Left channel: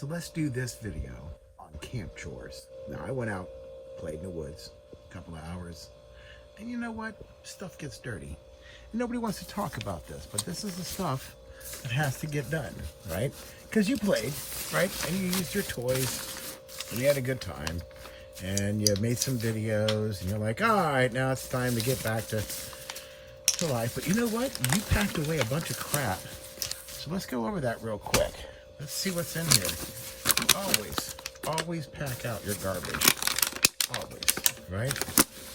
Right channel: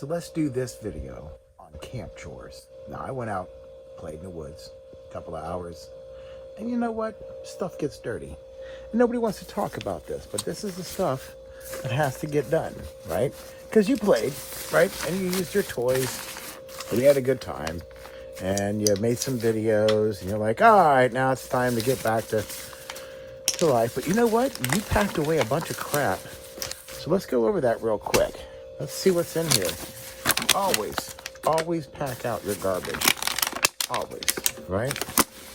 So let's do this video on camp chores. Now I went out, played in the woods, a couple of hours, and you know what? Stuff gets dirty. And nobody wants to talk about this, but this is the stuff that has to get done, right? Because you played, right? And you used your toys, and you had a good time, and you made some videos, and you're like, all right, now it's time to get back to life. But you know what? You packed away a bunch of crap. So let's go over that real quick. Let's see what's in here. Always pack out your garbage. Always, right?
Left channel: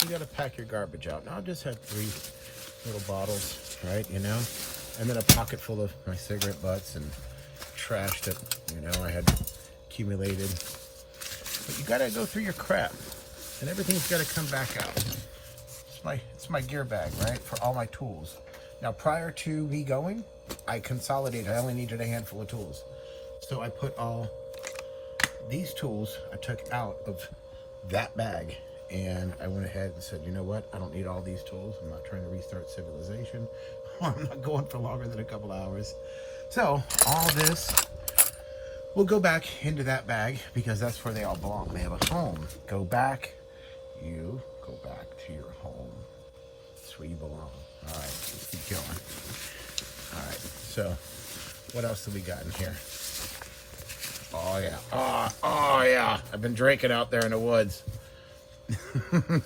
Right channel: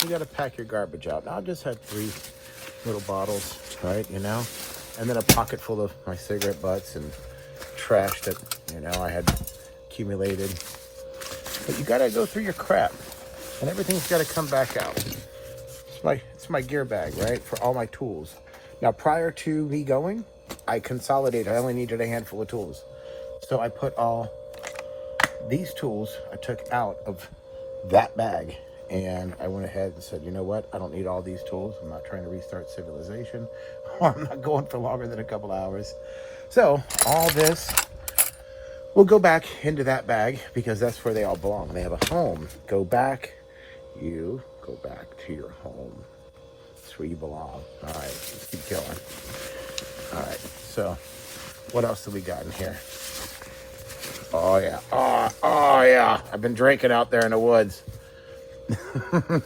You gotta pack your garbage out. Now, I just had 3 little bottles, right, you know? And then a pocket full of my cigarette butts and trash that, you know, I had accumulated. But you gotta go through your crap. And everything's gotta come back out. It's my gear bag, right, for all my tools. Now, prior to me going, I consolidated. I only needed a handful of tools. So I put all these tools I took out of that bag. And I went ahead and said, you know what? I don't need all these tools. I'm not trying to restart civilization. Or I'm not going for longer than a couple hours. So all this will go back into that bag because that's where they all belong. They have a home. Go back. You go back to your home. That's where you belong. All right, let's keep going. All right, so what else do we got in here? Oh yeah, oh yeah. I've been drinking out there in the woods.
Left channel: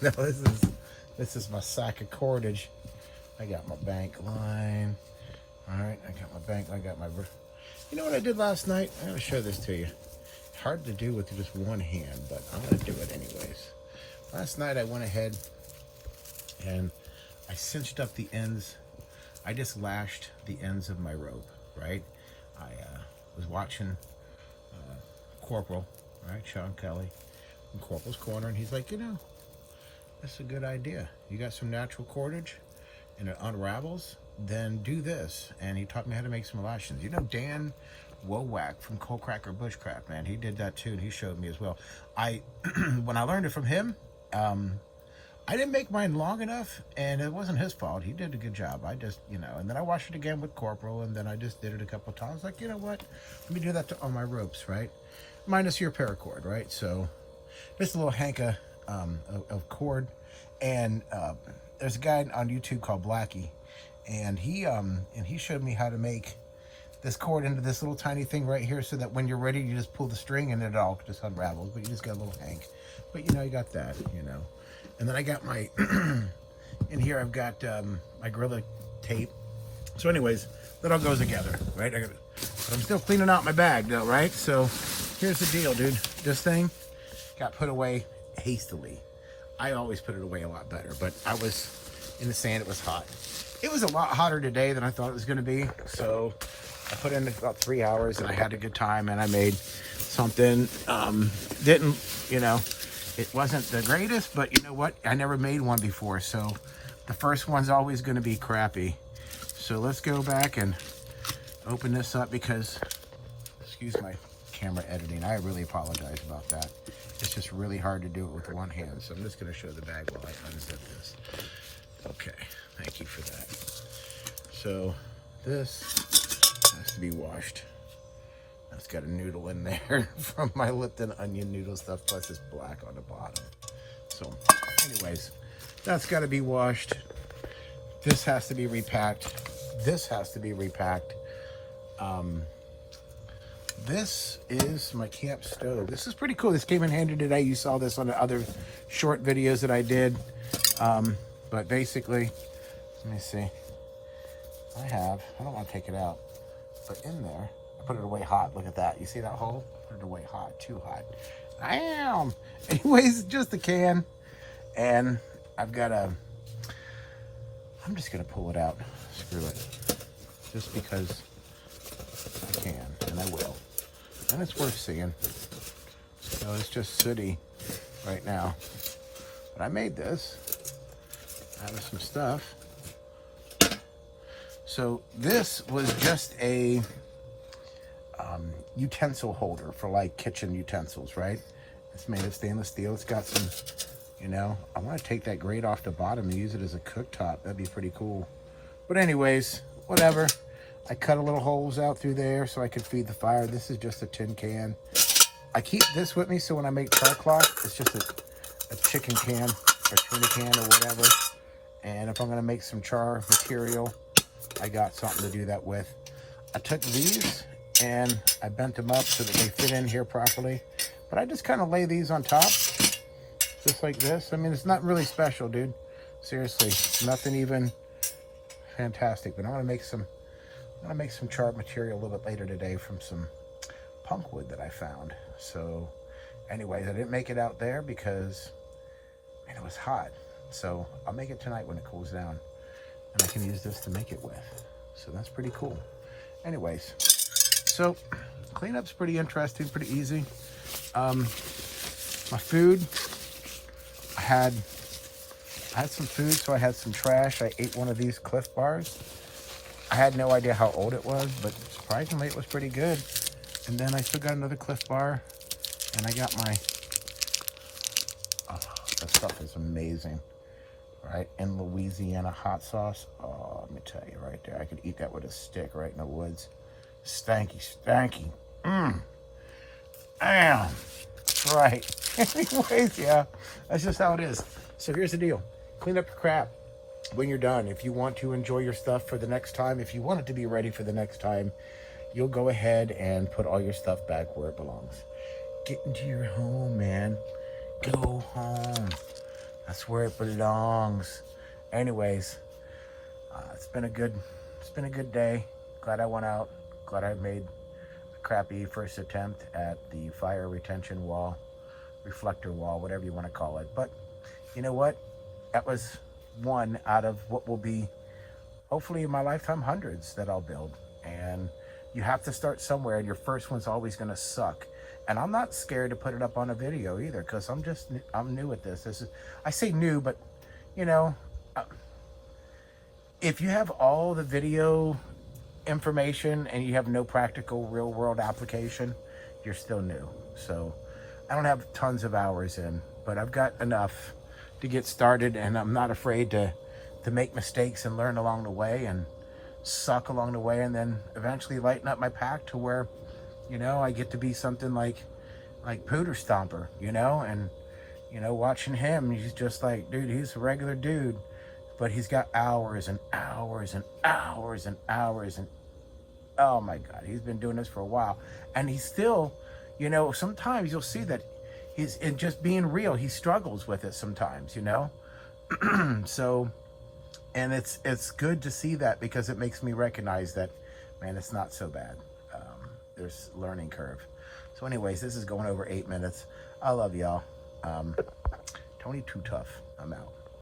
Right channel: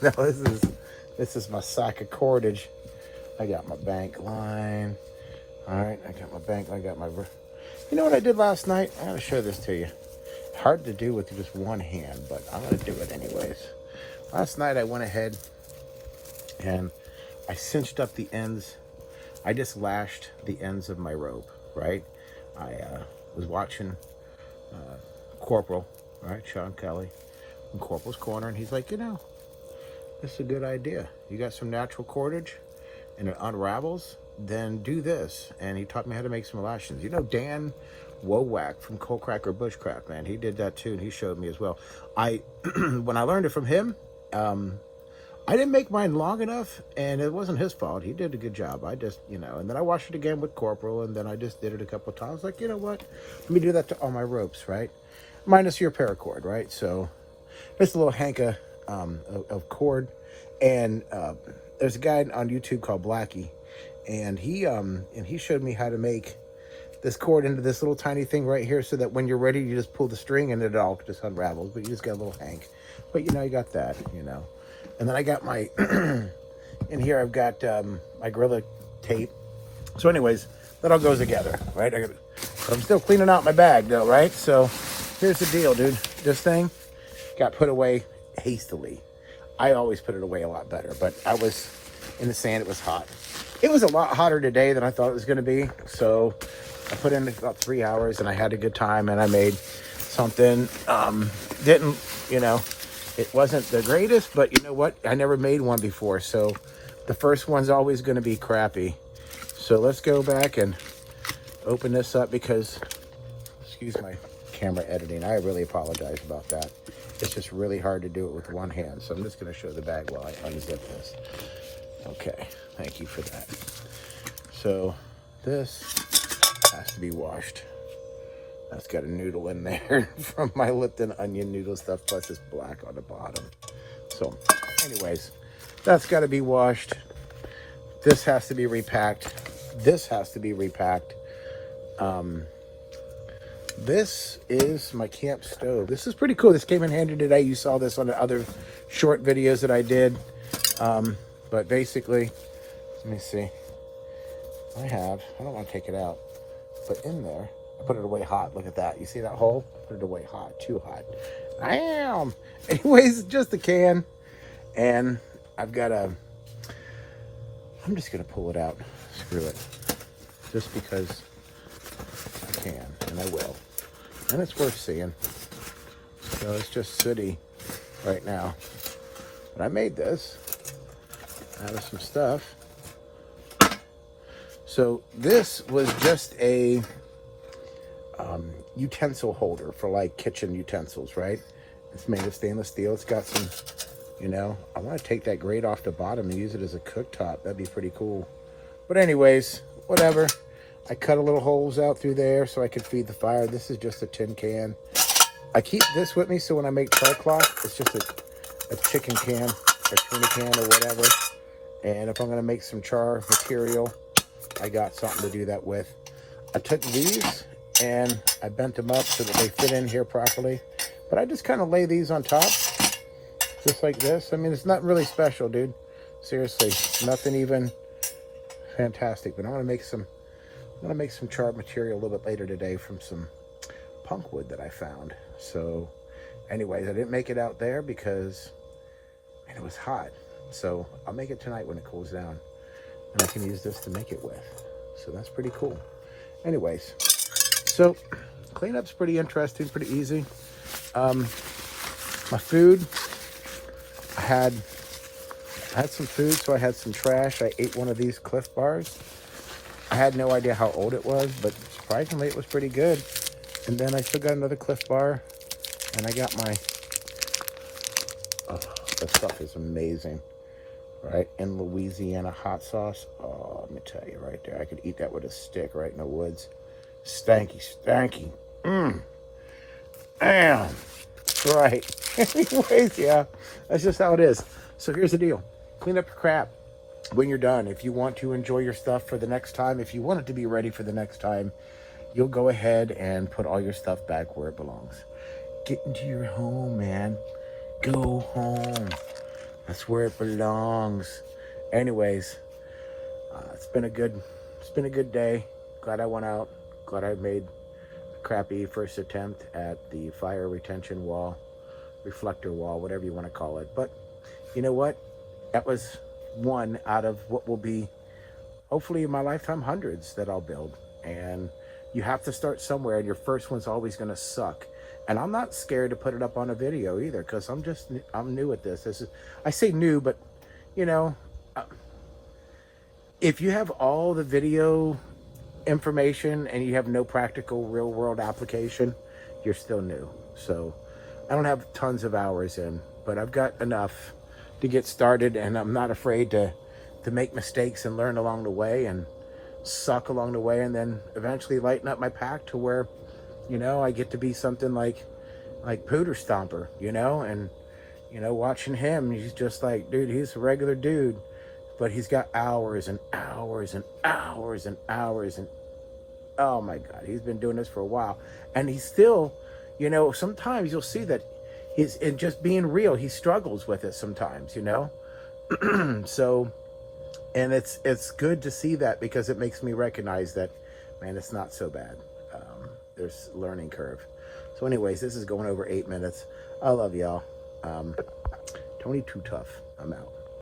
No, this is my sack of cordage. I got my bank line. All right, I got my bank line. I got my. You know what I did last night? I'm gonna show this to you. Hard to do with just one hand, but I'm gonna do it anyways. Last night I went ahead and I cinched up the ends. I just lashed the ends of my rope, right? I was watching Corporal, right? Sean Kelly in Corporal's Corner, and he's like, you know, this is a good idea. You got some natural cordage and it unravels, then do this. And he taught me how to make some lashings. You know, Dan Wowak from Coal Cracker Bushcraft, man, he did that too, and he showed me as well. When I learned it from him, I didn't make mine long enough, and it wasn't his fault. He did a good job. I just, you know, and then I washed it again with Corporal, and then I just did it a couple of times. Like, you know what? Let me do that to all my ropes, right? Minus your paracord, right? So there's a little hank of cord, and there's a guy on YouTube called Blackie, and he showed me how to make this cord into this little tiny thing right here, so that when you're ready, you just pull the string and it all just unravels. But you just got a little hank. But you know, you got that, you know. And then I got my, in here I've got my Gorilla tape. So anyways, that all goes together, right? I'm still cleaning out my bag though, right? So here's the deal, dude. This thing got put away hastily. I always put it away a lot better, but I was in the sand, it was hot. It was a lot hotter today than I thought it was gonna be. So I put in about 3 hours and I had a good time and I made something, didn't, you know, it wasn't the greatest, but you know what? I never made one before, so the first one's always going to be crappy. So let's go back and open this up because, excuse my camera editing, I really apologize about that. It's just really hard to do it with one hand, so I'm just going to show the bag while I unzip this. Okay, thank you for that. So this has to be washed. That's got a noodle in there from my Lipton onion noodle stuff, plus it's black on the bottom. So anyways, that's got to be washed. This has to be repacked. This has to be repacked. This is my camp stove. This is pretty cool. This came in handy today. You saw this on the other short videos that I did. But basically, let me see. I don't want to take it out, but in there, I put it away hot. Look at that. You see that hole? Put it away hot. Too hot. I am. Anyways, just a can. And I've got I'm just going to pull it out. Screw it. Just because I can. And I will. And it's worth seeing. So it's just sooty right now. But I made this out of some stuff. So this was just a utensil holder for like kitchen utensils, right? It's made of stainless steel. It's got some, you know, I want to take that grate off the bottom and use it as a cooktop. That'd be pretty cool. But anyways, whatever. I cut a little holes out through there so I could feed the fire. This is just a tin can. I keep this with me so when I make char cloth, it's just a chicken can or tuna can or whatever. And if I'm gonna make some char material, I got something to do that with. I took these and I bent them up so that they fit in here properly. But I just kind of lay these on top, just like this. I mean, it's not really special, dude. Seriously, nothing even fantastic. But I'm gonna make some char material a little bit later today from some punk wood that I found. So anyways, I didn't make it out there because, man, it was hot. So I'll make it tonight when it cools down. And I can use this to make it with. So that's pretty cool. Anyways, so cleanup's pretty interesting, pretty easy. My food, I had some food, so I had some trash. I ate one of these Cliff Bars. I had no idea how old it was, but surprisingly it was pretty good. And then I still got another Cliff Bar, and I got my, oh, that stuff is amazing, right? In Louisiana hot sauce. Oh, let me tell you right there, I could eat that with a stick right in the woods. Stanky, stanky. Damn. That's right. Anyways, yeah, that's just how it is. So here's the deal. Clean up your crap when you're done. If you want to enjoy your stuff for the next time, if you want it to be ready for the next time, you'll go ahead and put all your stuff back where it belongs. Get into your home, man. Go home. That's where it belongs. Anyways, it's been a good day. Glad I went out. Glad I made a crappy first attempt at the fire retention wall, reflector wall, whatever you want to call it. But you know what? That was one out of what will be, hopefully in my lifetime, hundreds that I'll build. And you have to start somewhere, and your first one's always going to suck. And I'm not scared to put it up on a video either, because I'm new at this. I say new, but you know, if you have all the video information and you have no practical real world application, you're still new. So I don't have tons of hours in, but I've got enough to get started, and I'm not afraid to make mistakes and learn along the way and suck along the way, and then eventually lighten up my pack to where, you know, I get to be something like Pooter Stomper, you know. And you know, watching him, he's just like, dude, he's a regular dude, but he's got hours and hours and hours and hours, and oh my God, he's been doing this for a while, and he's still, you know, sometimes you'll see that he's, and just being real, he struggles with it sometimes, you know. So, and it's good to see that, because it makes me recognize that, man, it's not so bad. There's a learning curve. So anyways, this is going over 8 minutes. I love y'all. Tony Too Tough. I'm out.